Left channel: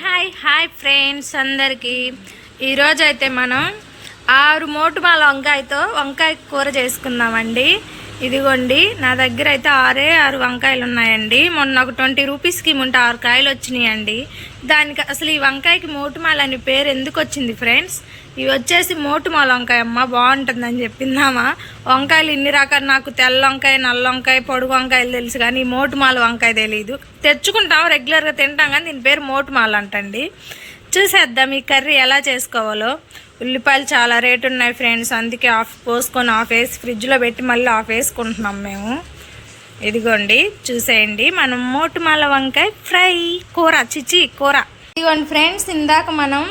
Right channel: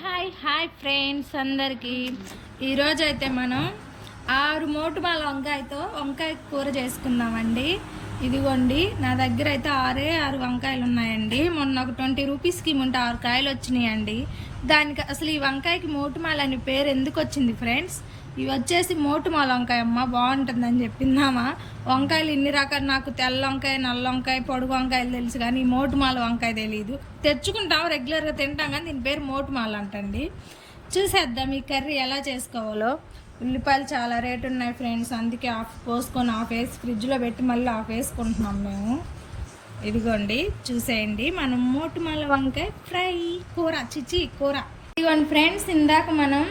Hi hi hi friends అందరికీ. ఈరోజు అయితే మనం ఆరు మోటుమాల వంకాయతో వంకాయ కూర చేసుకుందామండి. ఇదిగోండి నా దగ్గర అయితే ఆరే ఆరు వంకాయలు ఉన్నాయండి. మొన్న ఒక ట్వంటీ రూపీస్కి ముంట ఆరు కాయలు వచ్చినాయండి. దానికి అసలు ఈ వంకాయకి మోటుమాల అనే పేరు ఎందుకు వచ్చింది ఫ్రెండ్స్? ఇవి వచ్చేసి మోటుమాల వంకాయ అమ్మ బాగుంటుందని చెప్పిందామా? వంకాయలు ఇన్ని రకాలు నాకు తెల్ల వంకాయ నల్ల వంకాయ పొడుగు వంకాయలు తెలుసు కానీ మోటుమాల వంకాయ తెలియదు తెచ్చుకుంటాం రెగ్యులర్గా తింటాం కానీ దీని పేరు మోటుమాల అంటండి. చూసేద్దాం ఈ కర్రీ ఎలా చేసుకోవాలో. ఉల్లిపాయలు చాలా రేటు ఉన్నాయి ఫ్రెండ్స్ అందుకే ఆఫ్ పోసుకొని ఆఫ్ వేసి ఫ్రిడ్జ్లో పెట్టి మళ్ళీ ఆఫ్ వేసుకుంటున్నాం మేము. ఇదిగోండి చూసేయండి. మనం మోటుమాల వంకాయ ఫ్రై కూర చిచి కూర. ఇదిగోండి ఫ్రెండ్స్ ఇందాక మనం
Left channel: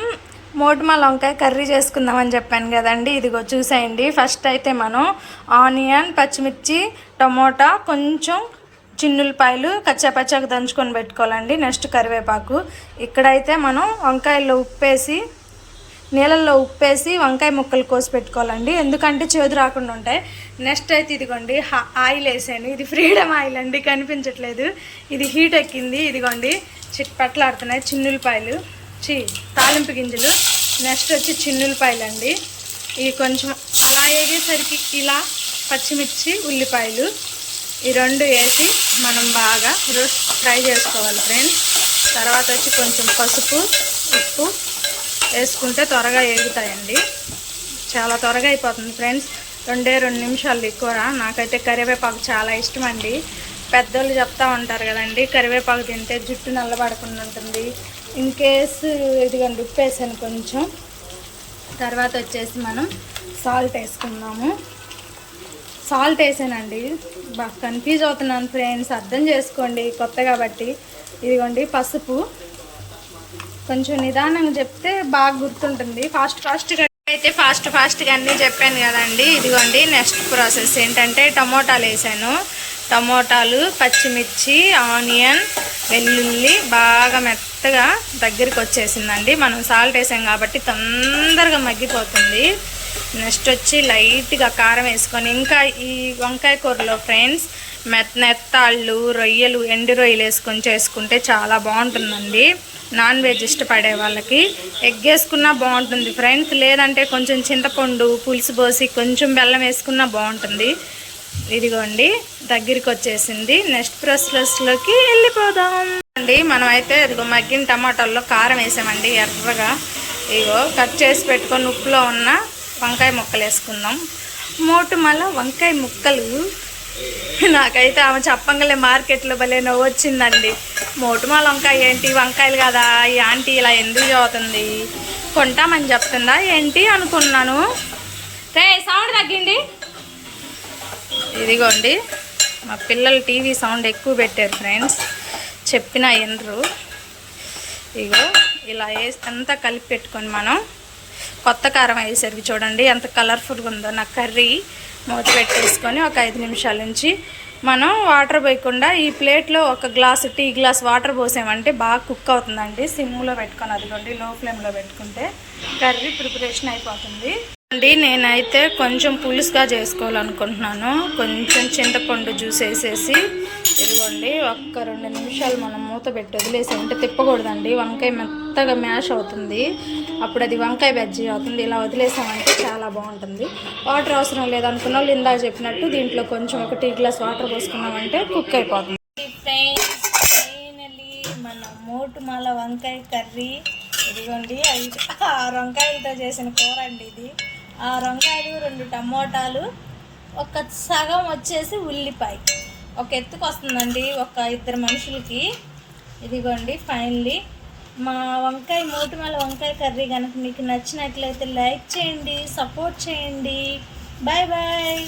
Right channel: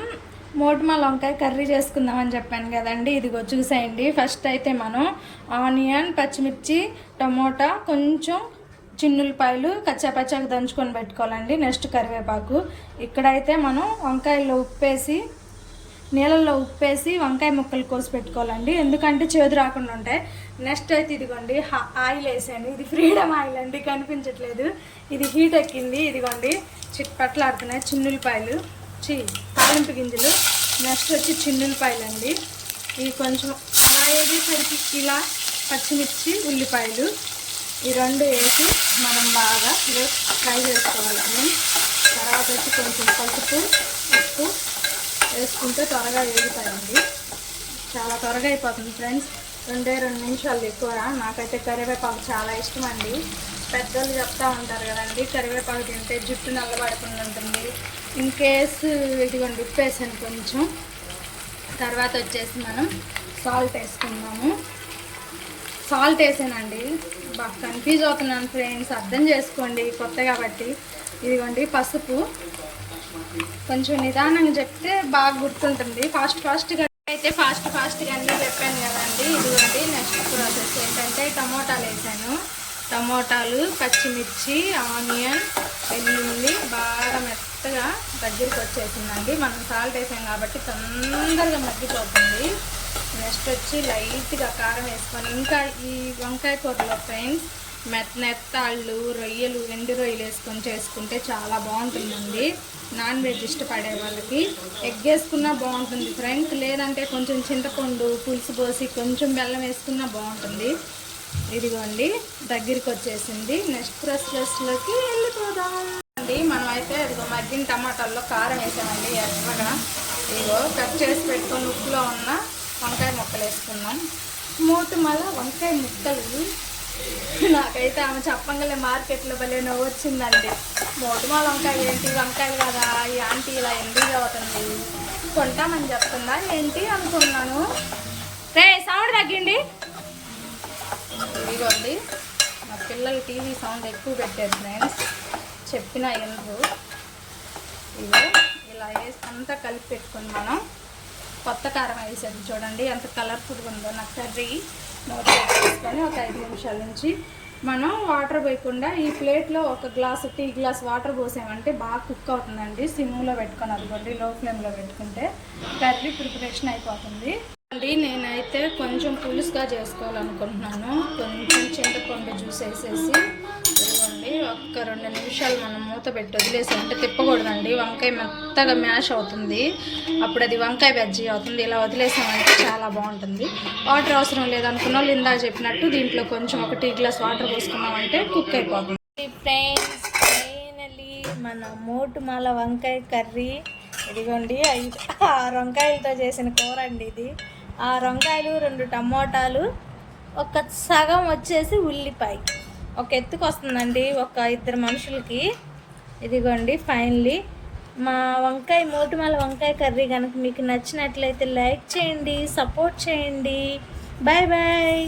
మోటుమాల వంకాయ కర్రీ చేసుకుందామని చెప్పాను కదండి. ఇదిగో చూసేయండి. ఫస్ట్ అయితే మనం ఆనియన్ పచ్చిమిర్చి టమోటా కొంచెం చిన్నులపాయలు కచ్చాపచ్చాకు దంచుకొని పెట్టుకోవాలండి నెక్స్ట్ కరివేపాకు. ఇక్కడైతే మనం వంకాయల్లో ఉప్పేసి నీళ్ళల్లో ఉప్పేసి వంకాయ ముక్కలు కోసి పెట్టుకోవాలండి. ఎందుకంటే చేదు రాకుండా ఉంటాయి. నెక్స్ట్ అయితే ఇదిగోండి ఆయిల్ వేసాను ఇది ఫ్రీడమ్ ఆయిల్ అండి కనిపించట్లేదు. ఇది హీట్ ఎక్కింది ఇదిగోండి. చిట్ పట్లాడుతున్నాయి చిన్నులపాయలు. చి తాలింపు గింజలు. నెక్స్ట్ వచ్చి చిన్నులపాయలు అండి. ఇవి కొంచెం అలా వేగేసరికి ఇలా పచ్చిమిర్చి ఉల్లిపాయలు. ఈ రెండు వేసి మనం బాగా రోస్ట్ ఫ్రై చేసుకోవాలి ఫ్రెండ్స్. తర్వాత వచ్చి కొంచెం పసుపు ఉప్పు వేసుకుంటే త్వరగా వేగుతాయండి చాలా త్వరగా అయిపోతుంది ఫ్రెండ్స్. రెండే రెండు నిమిషాలు ఎక్కువ నాకైతే కరివేపాకు చాలా ఇష్టం అండి పెద్దోళ్ళు చెప్తా ఉంటారు కదండి కరివేపాకు తింటే జుట్టు నల్లబడకుండా ఉంటుంది ఇన్ కేసు ఇదిగోండి ఉప్పు వేసాను కొంచెం. తర్వాత వచ్చేసి మనం సాల్ట్ వేసుకుందాము. సాల్ట్ వేసానండి. బాగా కన్ఫ్యూజ్ అవుతున్నాను ఫ్రెండ్స్ అర్థం చేసుకోండి కొత్త కాబట్టి. ఇదిగోండి పసుపు. కొంచెం నిదానంగా చెప్తే బాగా గుర్తుంటుంది. ఫాస్ట్ ఫాస్ట్గా అయితే ఫాస్ట్ ఫాస్ట్గా అన్నీ చెప్పాను కదండి. ఇదిగోండి నెక్స్ట్ ప్రాసెస్ ఏంటంటే టమోటాలు వేసాను. టమోటాలు పచ్చిమిర్చి ఆనియన్ వెల్లుల్లి బాగా మెత్తగా దగ్గరికి వచ్చేసిందండి. మనం సాల్ట్ వేసాం కాబట్టి తొందరగా మగ్గిపోతుంది. నెక్స్ట్ వచ్చి లైట్గా కారం వేసుకొని ఇంకా ఈ వంకాయ కూరలో ఫ్రెండ్స్ మెత్త నెత్తాళ్ళు రొయ్యలు ఎండు రొయ్యలు వేసుకొని చేసుకుంటే చాలా బాగుంటుందండి. నాన్ వెజ్ ఇష్టపడే వాళ్ళకి. ఎగ్ వేసుకున్నా బాగుంటుంది ఫ్రెండ్స్ లేదంటే కొంచెం చింతపండు పులుసు పోసి కొంచెం బెల్లం వేసుకున్నా బాగుంటుంది. ఇదిగోండి దగ్గరికి వచ్చేసింది. నెక్స్ట్ ప్రాసెస్లోకి వెళ్ళిపోదాం. అండి మనమైతే అయితే ఇదిగో మగ్గిన టమాటాల్లో కారం వేసామండి ఎర్రగా. ఇగో కట్ చేసి పెట్టుకొని ఉప్పులో ఉన్న వంకాయ ముక్కలు వేసుకుందాం. మోటుమల మళ్ళా వంకాయ ముక్కలు. నాకైతే ఆమె చెప్పంగలే మార్కెట్లో భలే నవ్వు వచ్చిందండి. మోటుమాల వంకాయ ఏంటి? వంకాయలు కదా. ఈ ఆంటీ ఇలా ఎందుకు చదువుతుంది? కొంటామని చెప్తుందా? ఏంటి అనుకున్నాను. రే సౌండ్ తగ్గింది. ఇదిగోండి. మా పిల్లలు టీవీ సౌండ్ ఎక్కువ పెట్టారు ఫ్రెండ్స్. చెప్పిన వినరు. ఇగో ఇలా వేసి అంతా కలిపి పెట్టుకొని మనం కొత్త కారం అయ్యేసరికి చూడండి. ఎంత కలర్ఫుల్గా ఉందో. నా కర్రీ మూత పెట్టేసుకొని ఒక ఐదు నిమిషాల నుంచి మనం వాటర్ పోయకుండా ఈ ప్లేట్లో ఒక గ్లాసు టీ గ్లాస్ వాటర్ పోసామంటే బాగా కుక్ అవుతుందండి. సిమ్లో పెట్టుకొని అదిగోండి లో ఫ్లేమ్లో పెట్టుకుంటే కర్రీ ప్రిపరేషన్ అయిపోతుంది. అండి నేనైతే కొంచెం పులుసుగా చేసుకోవాలనుకుంటున్నాను. కొంచెం చింతపండు జ్యూస్ వేసేసి ఇదిగోండి ఒక్క రెండు నిమిషాలు మనం మూత పెట్టి వదిలేసామంటే తిప్పకూడదండి. వంకాయ మెత్తగా మ్యాష్ అవుతుంది. అప్పుడు అది వంకాయ బజ్జీ అవుతుంది. ఇలా వదిలేసామంటే చాలా బాగుంటుంది. వాటర్ అవసరం లేదనుకున్న వాళ్ళు ఇందా చెప్పినట్టు దీంట్లో కొంచెం ఒక టీ గ్లాస్ వాటర్ పోసుకున్నామంటే కుక్ అయిపోతుంది. ఫ్రెండ్స్ ఫైనలీ మన మోటుమాల వంకాయ కర్రీ. ఇదిగోండి ఐదు ఆరు వంకాయలతో చేసిన కూర అండి ఇది. వంకాయలు రెండు టమోటాలు ఒక సగం వచ్చేసి ఉల్లిపాయ. ఒక ఎత్తుకు వస్తుందండి ఒక ఇద్దరు మనుషులకి. ఇదిగోండి ఫైనలీ. మా వంకాయ మోటిమల వంకాయ కర్రీ కనుక మీకు నచ్చినట్లయితే లైక్ చేయండి సపోర్ట్ చేయండి. Bye bye.